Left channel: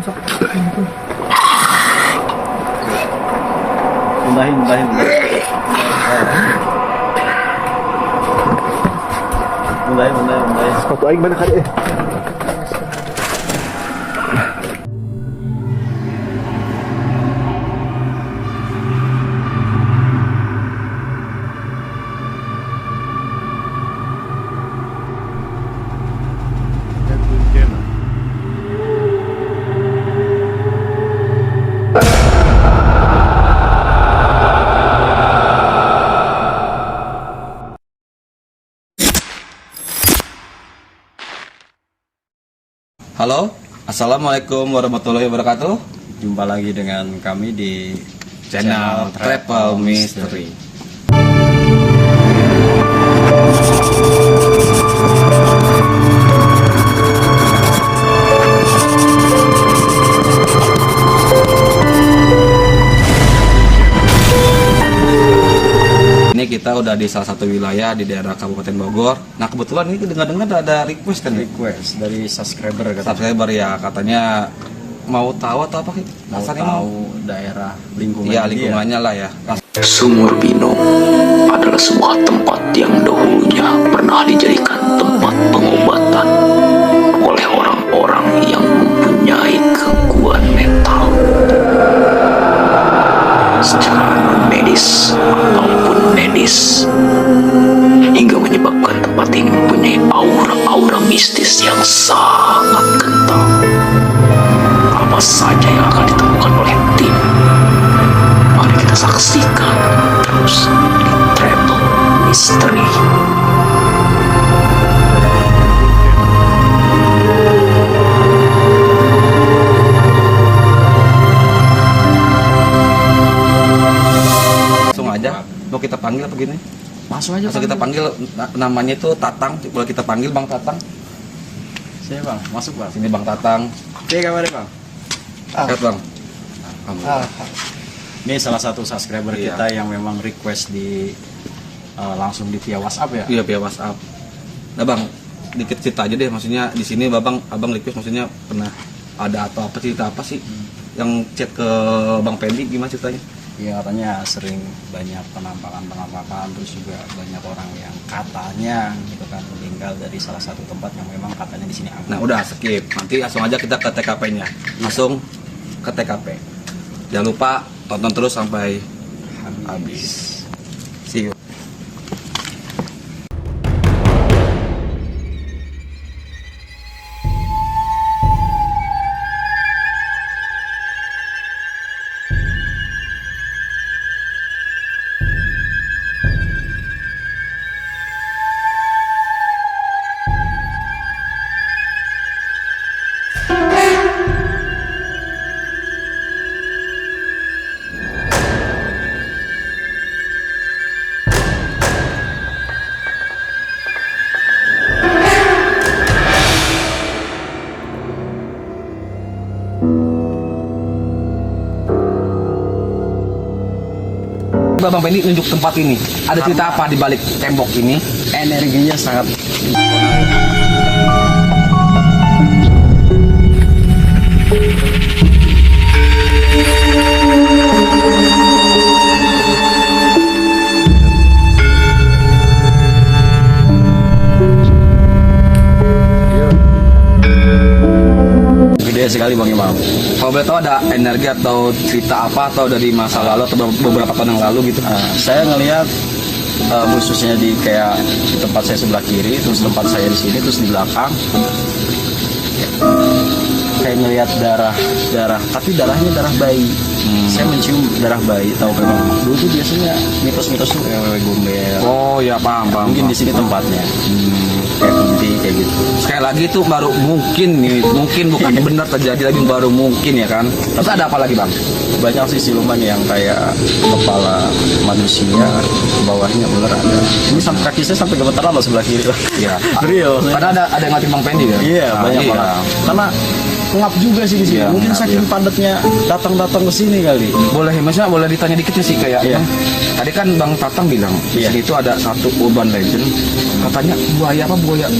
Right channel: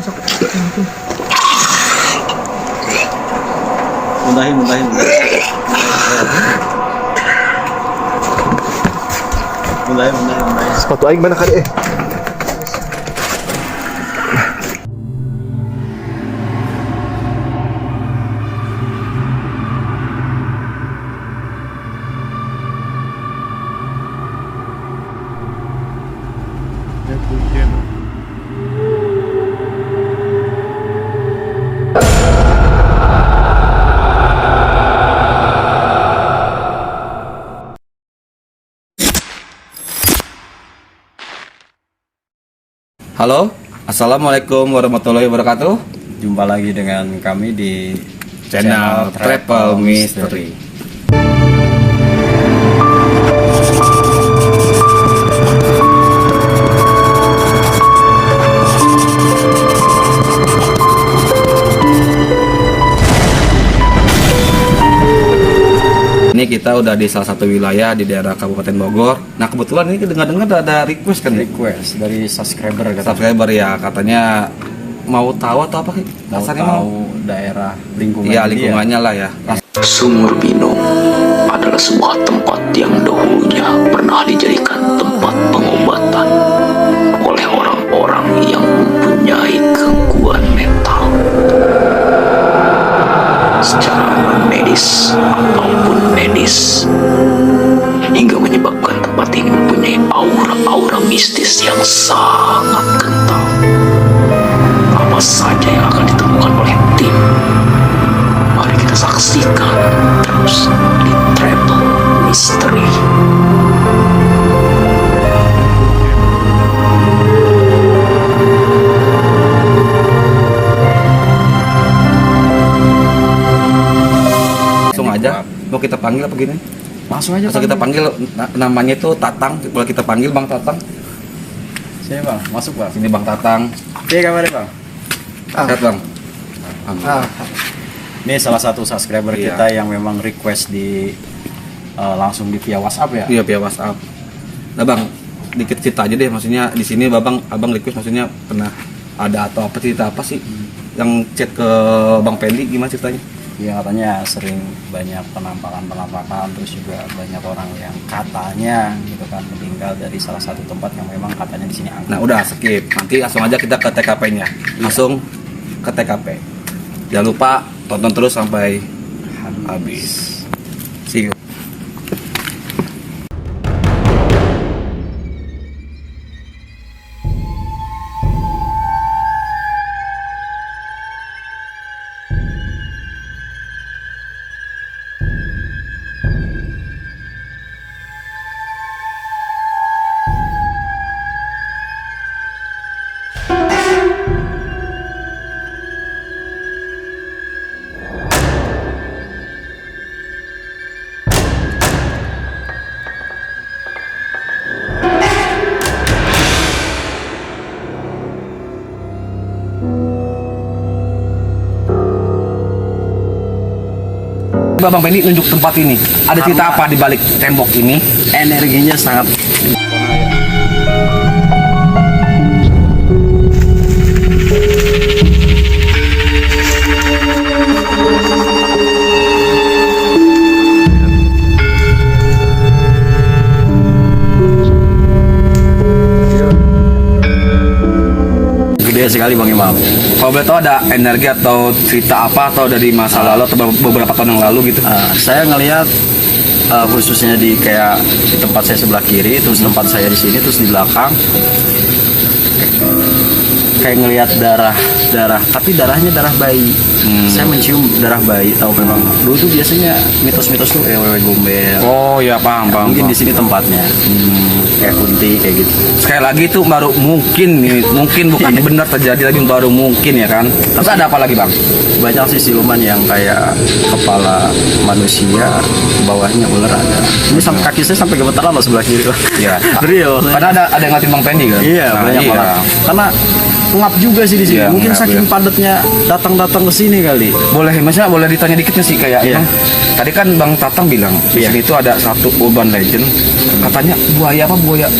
Muntahin. Sepatu aing mana kali Halo, assalamualaikum warahmatullahi wabarakatuh. Jumpa lagi dengan kami di channel Travel Mystery. Ini kita udah di salah satu wilayah di daerah Kabupaten Bogor. Nah kebetulan ini dengar-dengar ada request kan? Request dari subscriber Ya, katanya mau tahu atau apa? mau tahu daerah lingkungan. Ya lingkungannya lah ya. Sumur Bino adalah sebuah tempat yang dahulunya pernah dijadikan tempat pengobatan oleh orang-orang yang mempunyai gangguan mental secara non-medis ataupun medis, hingga menyebabkan tempat ini mempunyai aura-aura mistis yang sangat kental. Apa saja yang akan ditemukan oleh tim? Mari kita saksikan terus di Travel Mystery. Langsung aja. Mau kita panggil apa gini? Langsung aja. Langsung kita panggil. Namanya itu Tatang. Boleh kita panggil Bang Tatang? Sini bang, masuk bang. Sini Bang Tatang. Oke, kabarnya bang. Sehat Bang. Ini salah satu subscriber Iya. kita yang memang request di langsung di via WhatsApp ya. Iya via WhatsApp. Nah Bang, dikit cerita aja deh. Maksudnya di sini abang request maksudnya pernah ada atau apa cerita apa sih yang chat ke Bang Pendi, gimana ceritanya? Iya, katanya sering banyak penampakan, terus juga banyak orang yang katanya gitu kan meninggal dari salah satu tempat yang memang katanya di sini angker. Nah udah skip, nanti langsung aja kita ke TKP-nya. Langsung ke TKP. Jangan lupa tonton terus sampai habis. See you. Bang Pendi nunjuk tempat ini. Ada cerita apa di balik tembok ini? Energinya sangat gede sekali Bang Imam. Kalau boleh tahu ada energi atau cerita apa atau dari masa lalu atau beberapa tahun yang lalu gitu? Saya ngelihat khususnya di kayak di tempat saya sebelah kiri, terus tempat saya di sini, terus di belakang kayak ngelihat darah, tapi darahnya darah bayi. Saya mencium darah bayi. Tahu memang dulu tuh biasanya mitos-mitos tuh wewe gombel. Oh ya paham. Mungkin di sini tempatnya. Kayak kunti kayak gitu. Sekali lagi itu baru mungkin bukan benar terjadi, tapi baru mungkin ya kan. Terus ada apa lagi Bang? Banyak sih siluman yang kayak kepala manusia, bawahnya ular ada. Ini sampai kaki saya sampai gemetar lama sebelah kiri. Iya. Real. Karena ada yang ngatin Bang Pendi kan? Iya, banyak iya. banget. Karena ngap juga sih di sini. Iya, Mungkin ngap, saking ya. padatnya datang ke sini kali. Boleh, maksudnya boleh ditanya dikit nggak sih kayak Iya. emang tadi kan Bang Tatang bilang di Iya. sini itu ada satu urban legend, katanya buaya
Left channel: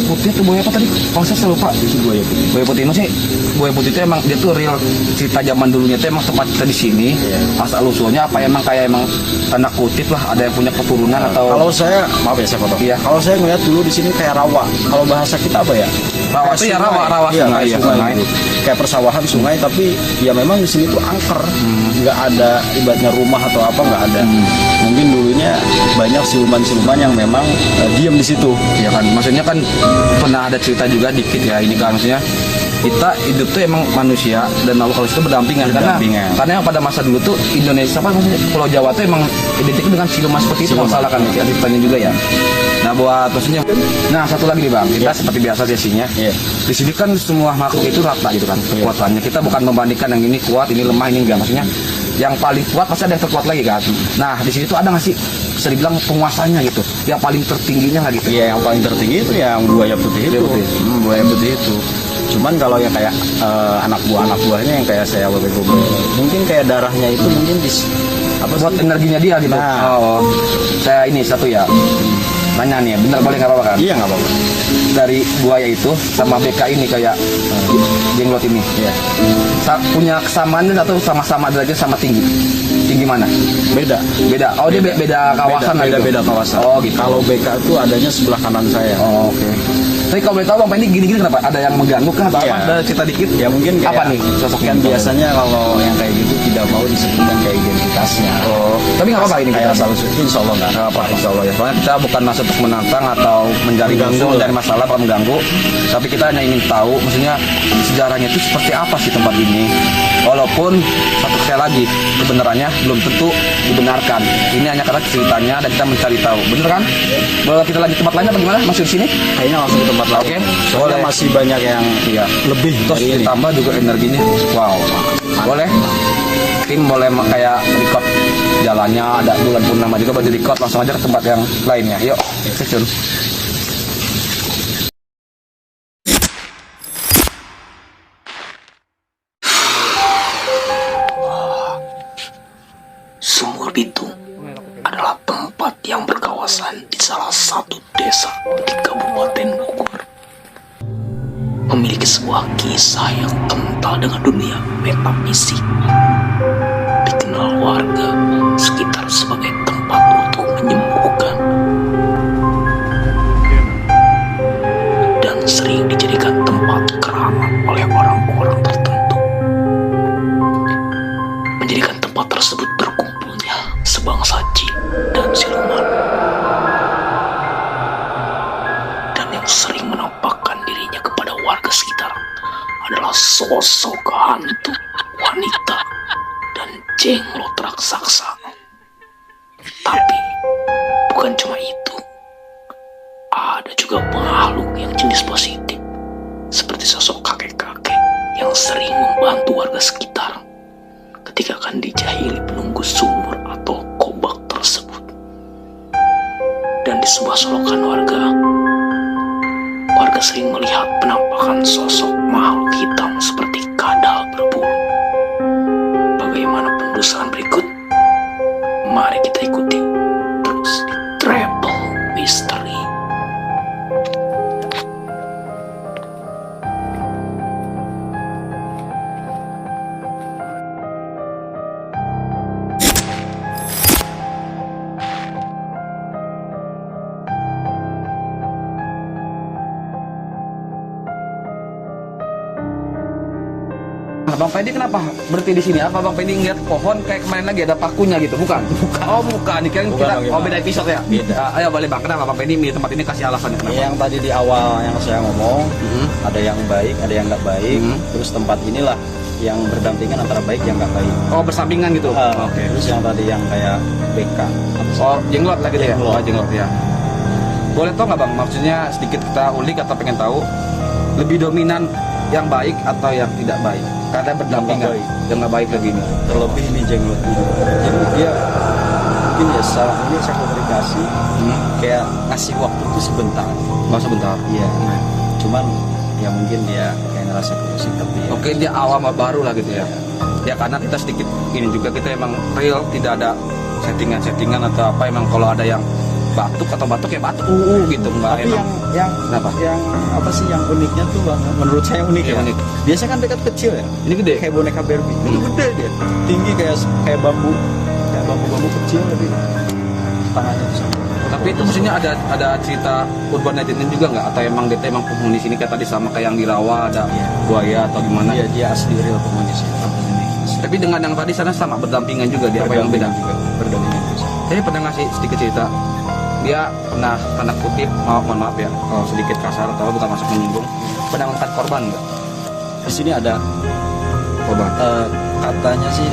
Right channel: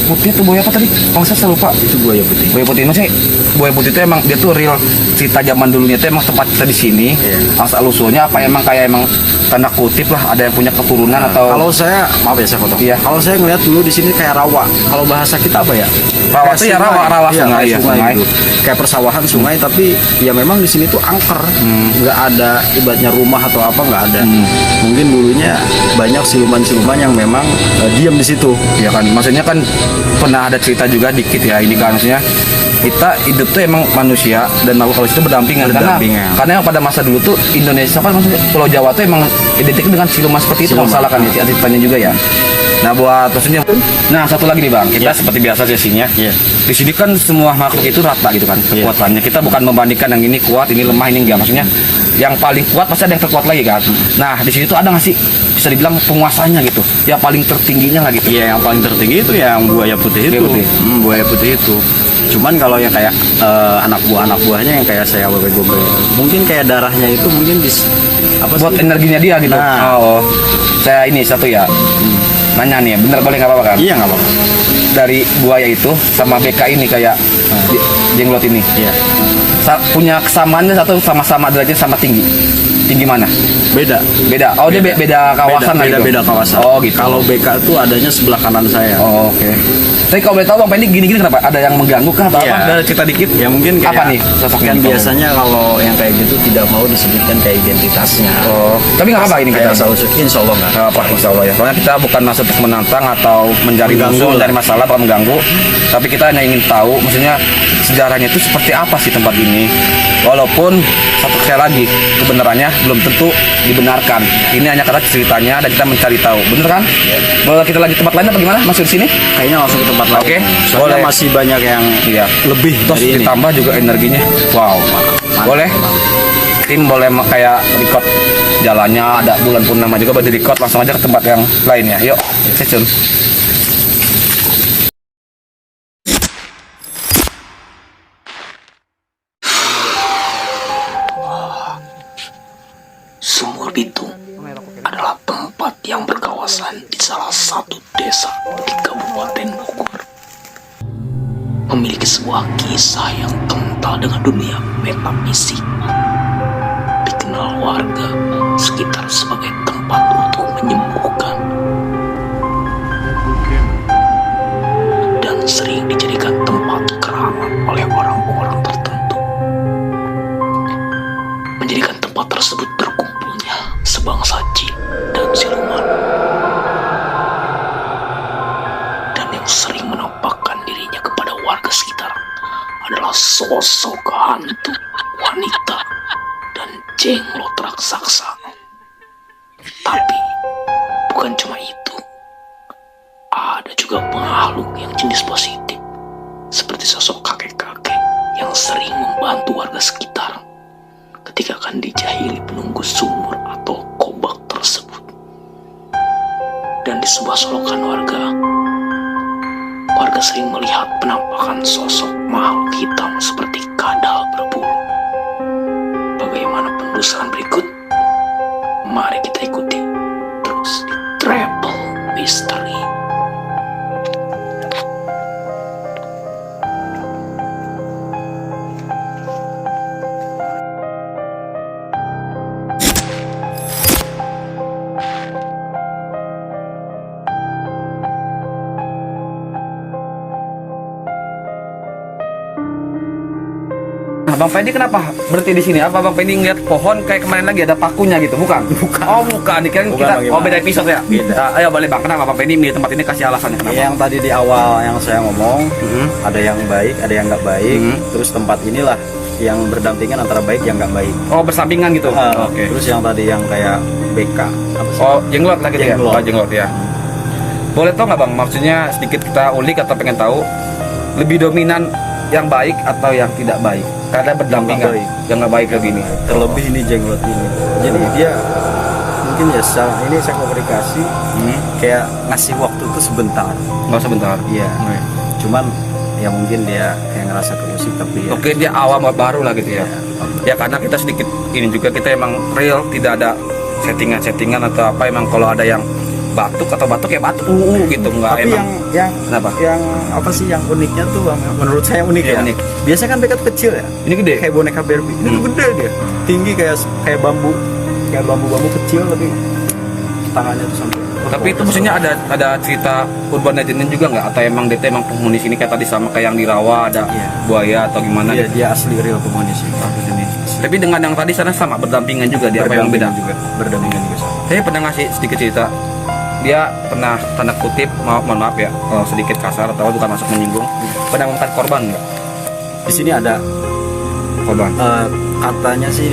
putih atau buaya apa tadi? Bang saya lupa. Itu buaya putih. Buaya putih maksudnya buaya putih itu emang dia tuh real cerita zaman dulunya itu emang tempat kita di sini. Iya. Asal usulnya apa emang kayak emang tanda kutip lah ada yang punya keturunan atau Kalau saya, maaf ya saya potong. Iya. Kalau saya ngeliat dulu di sini kayak rawa. Kalau bahasa kita apa ya? Rawa Kayak tuh ya sungai. rawa Iya, sungai, kayak ya, sungai sungai. gitu. Kayak persawahan sungai, tapi ya memang di sini tuh angker. Nggak ada ibaratnya rumah atau apa, nggak ada. Mungkin dulunya banyak siluman-siluman yang memang diam di situ. ya kan maksudnya kan pernah ada cerita juga dikit ya ini kan maksudnya kita hidup tuh emang manusia dan makhluk halus itu berdampingan. Berdampingan. Karena pada masa dulu tuh Indonesia apa maksudnya Pulau Jawa tuh emang identik dengan siluman seperti itu, Siluman. kalau salah kan ya ceritanya juga ya. Nah buat maksudnya, nah satu lagi nih Bang, kita seperti biasa sesinya. Iya. Di sini kan semua makhluk itu rata gitu kan kekuatannya. Kita bukan membandingkan yang ini kuat, ini lemah, ini enggak. Maksudnya yang paling kuat pasti ada yang terkuat lagi kan. Nah di sini tuh ada nggak sih bisa dibilang penguasanya gitu, yang paling tertingginya lah gitu. Iya, yang paling tertinggi itu yang buaya putih itu. Buaya putih. Buaya putih itu. Cuman kalau yang kayak anak buahnya yang kayak saya gobe-gobe, mungkin kayak darahnya itu mungkin apa Buat sih? energinya dia gitu. Nah. Oh, saya ini satu ya. Nanya nih, bener boleh nggak apa-apa kan? Iya nggak apa-apa. Dari buaya itu sama BK ini kayak jenglot ini. Iya. Punya kesamaannya atau sama-sama derajat sama tinggi? Tinggi mana? Beda. Beda. Oh dia beda kawasan lah beda, gitu? beda kawasan. Oh gitu. Kalau BK itu adanya sebelah kanan saya. Oh, oke. Tapi kalau boleh tahu Bang Pendi gini-gini kenapa? Ada yang mengganggu kah atau Iya. apa? Ada cerita dikit? Ya mungkin kayak Apa nih sosoknya? kan biasanya kalau yang kayak gitu tidak mau disebutkan kayak identitasnya. Oh, tapi nggak apa-apa ini kita. Kayak selalu insya Allah nggak. Nggak apa, insya Allah ya. Soalnya kita bukan masuk untuk menantang atau mencari Mengganggu musuh, lah. mencari masalah, bukan mengganggu. Tapi kita hanya ingin tahu, maksudnya sejarahnya itu seperti apa sih tempat ini. Walaupun satu sekali lagi kebenarannya belum tentu dibenarkan. Ini hanya karena ceritanya dan kita mencari tahu. Bener kan? Boleh kita lagi tempat lain apa gimana? Masih di sini? Kayaknya langsung ke tempat lain. Oke, Soalnya boleh. masih banyak yang Iya. lebih Terus dari ini. ditambah juga energinya. Wow. Mantap, Boleh? memang. Tim boleh kayak record jalannya ada bulan purnama juga boleh di record langsung aja ke tempat yang lainnya. Yuk, stay tune. Sumur Bitung adalah tempat yang berkawasan di salah satu desa di Kabupaten Bogor. Memiliki sebuah kisah yang kental dengan dunia metafisik. Dikenal warga sekitar sebagai tempat untuk menyembuhkan. Dan sering dijadikan tempat keramat oleh orang-orang tertentu. Menjadikan tempat tersebut berkumpulnya sebangsa jin dan siluman. Dan yang sering menampakkan dirinya kepada warga sekitar adalah sosok hantu wanita dan jenglot raksasa. Tapi bukan cuma itu. Ada juga makhluk yang jenis positif, seperti sosok kakek-kakek yang sering membantu warga sekitar ketika akan dijahili penunggu sumur atau kobak tersebut. Dan di sebuah solokan warga sering melihat penampakan sosok makhluk hitam seperti kadal berbulu. Bagaimana penelusuran berikut? Mari kita ikuti terus di Travel Mystery. Nah, Bang Pendi kenapa berhenti di sini? Apa Bang Pendi ngeliat pohon kayak kemarin lagi ada pakunya gitu? Bukan. Oh, bukan. Dikirain Bukan, kita bagaimana? beda episode ya? Beda. Ayo boleh Bang, kenapa Bang Pendi milih tempat ini, kasih alasannya kenapa? Yang tadi di awal yang saya ngomong, ada yang baik, ada yang nggak baik. Terus tempat inilah yang berdampingan antara baik yang nggak baik. Oh, bersampingan gitu. Oke. Terus yang tadi yang kayak BK. Apa sih? Oh, jenglot lagi ya? Jenglot. Oh, jenglot ya. Boleh tau nggak Bang? Maksudnya sedikit kita ulik atau pengen tahu lebih dominan yang baik atau yang tidak baik? Karena berdampingan. baik. Yang nggak baik lebih ini. Terlebih ini jenglot ini. Jadi dia mungkin ya secara ini saya komunikasi kayak ngasih waktu itu sebentar. Nggak sebentar. Iya. Oke. Cuman ya mungkin dia kayak ngerasa sih, tapi ya. Oke, dia awam baru lah gitu ya. Ya karena kita sedikit ini juga, kita emang real, tidak ada settingan atau apa. Emang kalau ada yang batuk ya batuk gitu, nggak Tapi emang. yang Kenapa? yang apa sih yang uniknya tuh Bang? Menurut saya unik Iya, ya. unik. Biasanya kan mereka tuh kecil ya. Ini gede. Kayak boneka Barbie. Itu gede dia. Tinggi kayak bambu. Kayak bambu kecil tapi tangannya tuh sampai. Tapi itu maksudnya ada cerita urban legend juga nggak? Atau emang dia emang penghuni sini kayak tadi sama kayak yang di rawa ada Iya. buaya atau gimana? Iya, gitu? dia asli real penghuni sih. Ini. Tapi dengan yang tadi sana sama berdampingan juga dia, apa yang beda? Berdampingan juga. Saya pernah ngasih sedikit cerita. Dia pernah tanda kutip, mohon maaf ya, sedikit kasar atau bukan masuk menyinggung. Pernah mengangkat korban nggak? Di sini ada Korban. katanya sih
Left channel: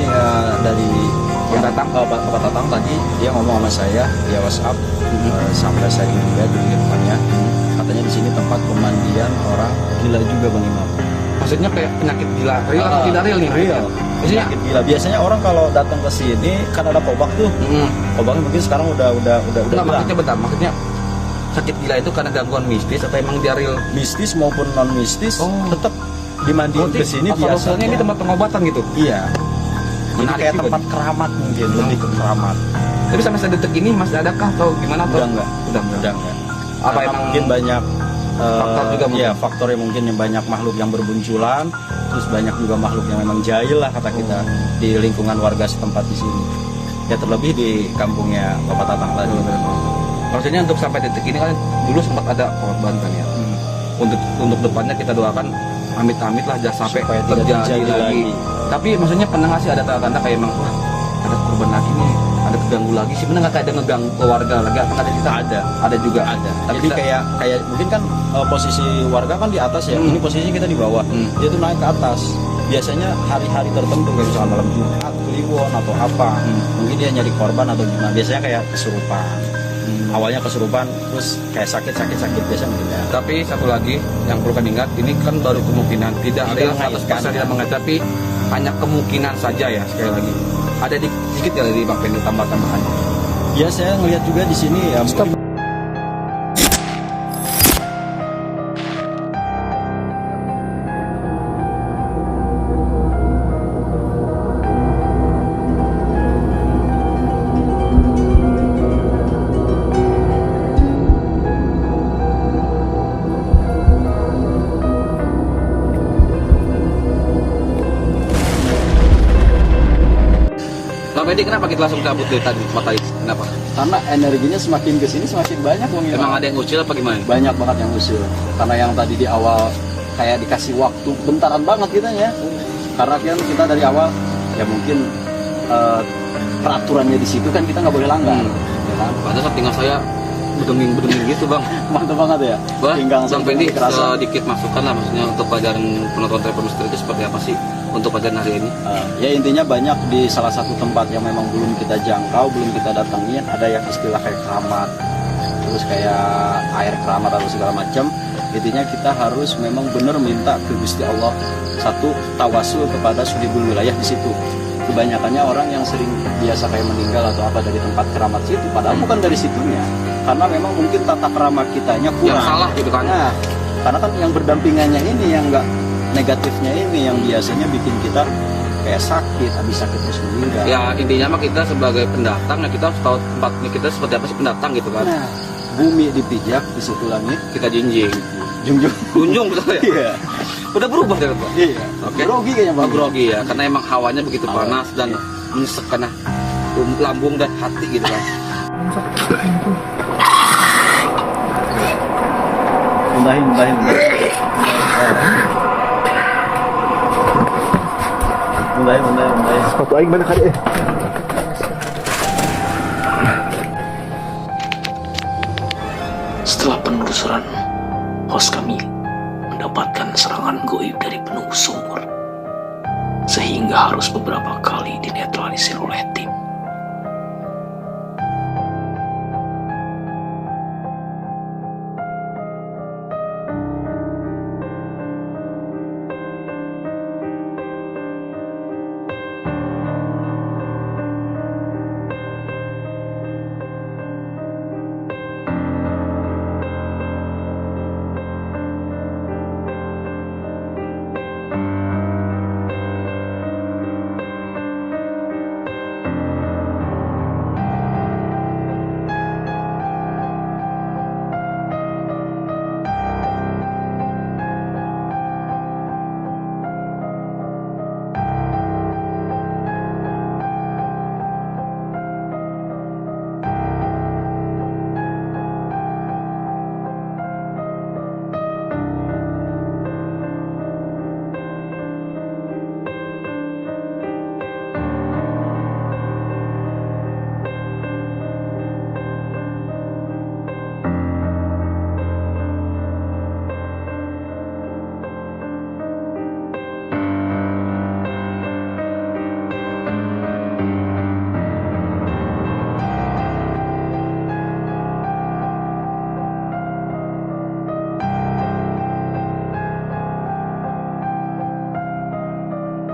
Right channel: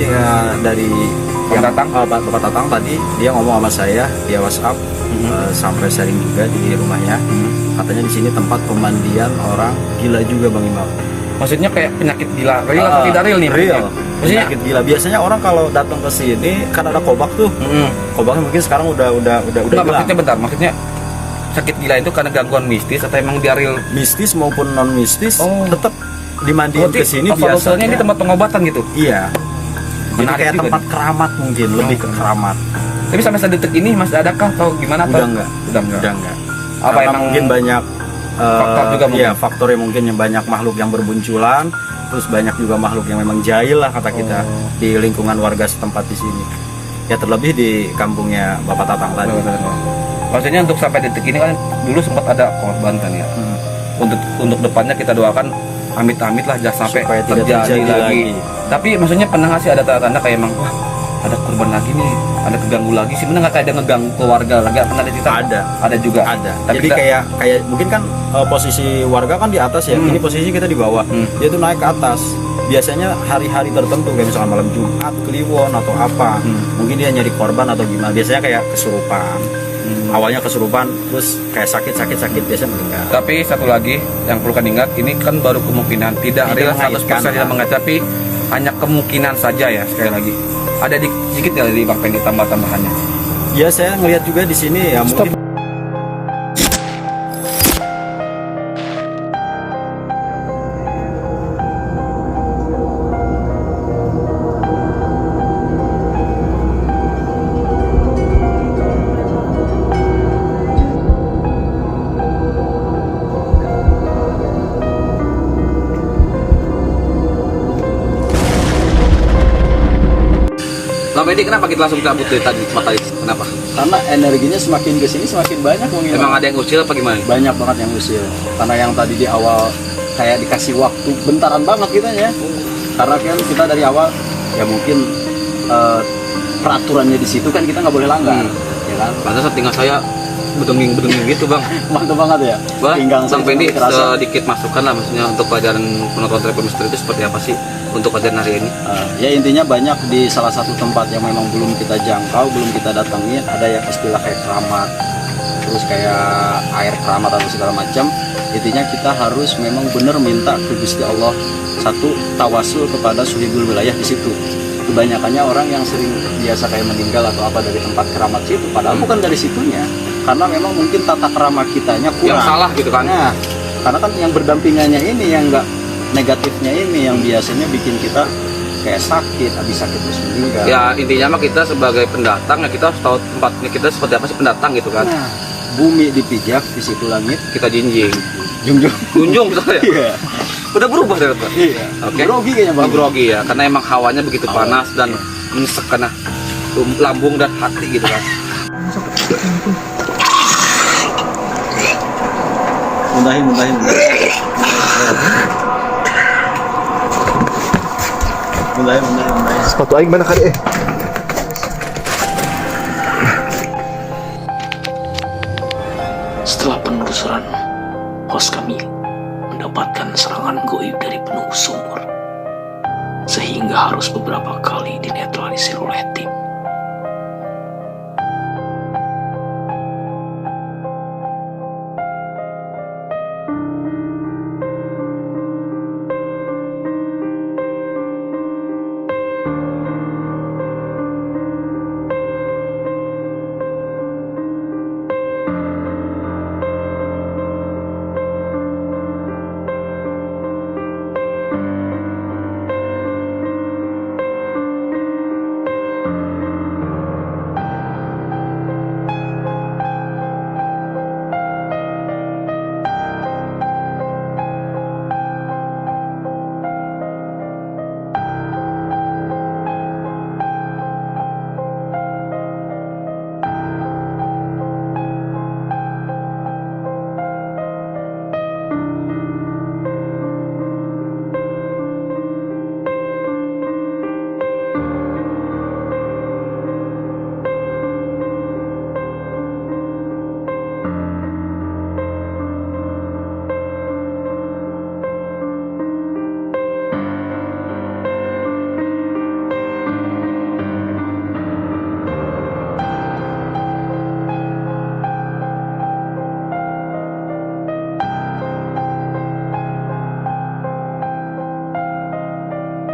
dari Pak Tatang? Bapak Tatang tadi dia ngomong sama saya dia WhatsApp sampai sharing juga di rumahnya. Katanya di sini tempat pemandian orang gila juga Bang Imam. Maksudnya kayak penyakit gila, real atau tidak real nih? Real. Maksudnya, Penyakit gila. Biasanya orang kalau datang ke sini kan ada kobak tuh. Kobaknya mungkin sekarang udah Enggak, hilang. maksudnya bentar, maksudnya sakit gila itu karena gangguan mistis atau emang dia real? Mistis maupun non mistis Oh. tetap dimandiin ke sini biasanya biasanya. ini tempat pengobatan gitu. Iya. Jadi Menarik kayak juga tempat nih. keramat mungkin, lebih ke keramat. Tapi sampai saat detik ini masih adakah atau gimana? Atau? Udah enggak. Udah enggak. Udah enggak. Apa Karena emang mungkin banyak faktor juga mungkin? Iya, faktornya mungkin yang banyak makhluk yang berbunculan, terus banyak juga makhluk yang memang jahil lah kata kita di lingkungan warga setempat di sini. Ya terlebih di kampungnya Bapak Tatang tadi. Maksudnya untuk sampai detik ini kan dulu sempat ada korban kan ya. Untuk depannya kita doakan amit-amit lah jangan sampai Supaya tidak terjadi terjadi lagi. lagi. Tapi maksudnya pernah nggak sih ada tanda-tanda kayak emang wah ada korban lagi nih, ada keganggu lagi sih? Bener nggak kayak ada ngeganggu keluarga lagi? Pernah ada cerita? Ada juga. Ada. Tapi Jadi kita- kayak mungkin kan posisi warga kan di atas ya. Ini posisi kita di bawah. Dia tuh naik ke atas. Biasanya hari-hari tertentu kayak misalkan malam Jumat, Kliwon atau apa. Mungkin dia nyari korban atau gimana. Biasanya kayak kesurupan. Awalnya kesurupan terus kayak sakit biasanya meninggal. Tapi satu lagi yang perlu kan ingat, ini kan baru kemungkinan, tidak real 100% tidak mengajar, tapi hanya kemungkinan saja ya. Sekali lagi ada sedikit ya dari Bang Pendi tambah-tambahannya. Ya saya ngelihat juga di sini ya mungkin Bang Pendi, kenapa kita langsung cabut dari tadi tempat tadi? Kenapa? karena energinya semakin kesini semakin banyak Bang Imam. Emang ada yang usil apa gimana? Banyak banget yang usil. Karena yang tadi di awal kayak dikasih waktu bentaran banget kita ya. Karena kan kita dari awal ya mungkin peraturannya di situ kan kita nggak boleh langgar, ya kan? Pantas tinggal saya bedenging gitu Bang. Mantap banget ya. Bang saya Pendi, kerasa. sedikit masukan lah maksudnya untuk pelajaran penonton Trip Misteri itu seperti apa sih untuk pelajaran hari ini? Ya intinya banyak di salah satu tempat yang memang belum kita jangkau, belum kita datengin, ada yang istilah kayak keramat, terus kayak air keramat atau segala macam. Intinya kita harus memang benar minta ke Gusti Allah, satu tawasul kepada sulhul wilayah di situ. Kebanyakannya orang yang sering biasa kayak meninggal atau apa dari tempat keramat situ, padahal bukan dari situnya, karena memang mungkin tata kerama kitanya kurang. Yang salah gitu kan? Nah, karena kan yang berdampingannya ini yang enggak negatifnya ini yang biasanya bikin kita kayak sakit, habis sakit terus meninggal. Ya intinya mah kita sebagai pendatang ya kita harus tahu tempatnya kita seperti apa sih pendatang gitu kan. Nah, bumi dipijak, di situ langit Kita jinjing. junjung. Kunjung saya. Iya. Udah berubah ternyata. Iya. Oke. Grogi kayaknya Bang. Grogi ya karena emang hawanya begitu panas dan menyesek kena lambung dan hati gitu kan. Muntahin. Muntahin. Sepatu aing mana kali Setelah penelusuran, host kami mendapatkan serangan goib dari penunggu sumur, sehingga harus beberapa kali dinetralisir oleh tim.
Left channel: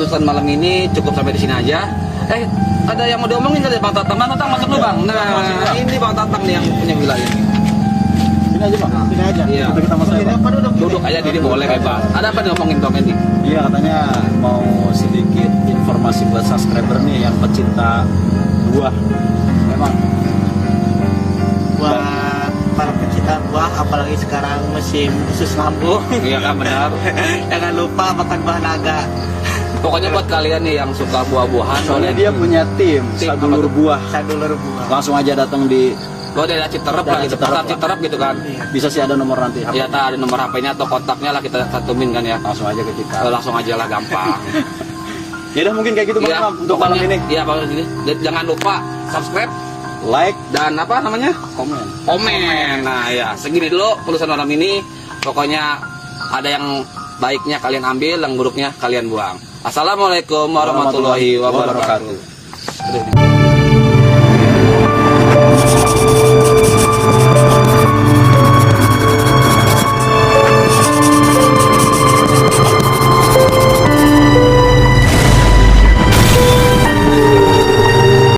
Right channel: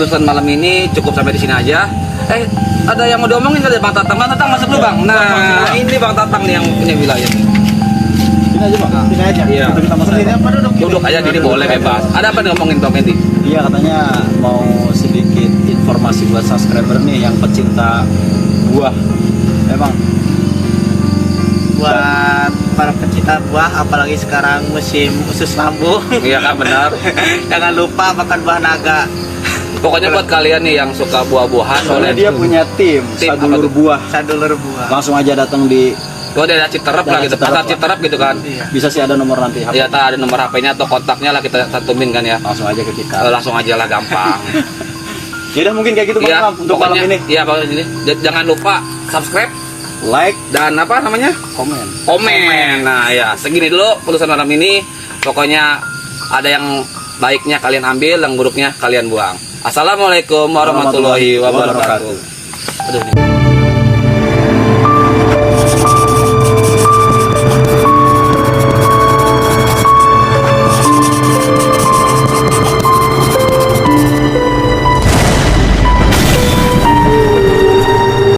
pelusuran malam ini cukup sampai di sini aja. Ada yang mau diomongin kali Bang Tatang? Bang Tatang masuk dulu Bang. Nah, ini Bang Tatang nih yang punya wilayah nih. Ini aja Bang. Ini aja. Iya. Kita sama saya. Duduk aja jadi boleh bebas. Ada apa nih ngomongin Bang Mendy? Iya, katanya mau sedikit informasi buat subscriber nih yang pecinta buah. Memang buat para pecinta buah, apalagi sekarang musim usus lambung. Iya kan benar. Jangan lupa makan buah naga. Pokoknya buat kalian nih yang suka buah-buahan soalnya boleh. dia punya tim sadulur buah. Sadulur buah. Langsung aja datang di Gue ada Citerep lah Daerah gitu, Citerep pasar lah. Citerep gitu kan. Iya. bisa sih ada nomor nanti. Iya, tak ada nomor HP-nya atau kontaknya lah kita cantumin kan ya. Langsung aja ke kita. Langsung aja lah gampang. Ya udah mungkin kayak gitu Bang Iya, Imam, untuk malam pokoknya- ini. Iya, malam ini. Jangan lupa subscribe Like, dan apa namanya? komen. Komen. Nah, ya, segini dulu pelusuran malam ini. Pokoknya ada yang baiknya kalian ambil, yang buruknya kalian buang. Assalamualaikum warahmatullahi wabarakatuh. Aduh.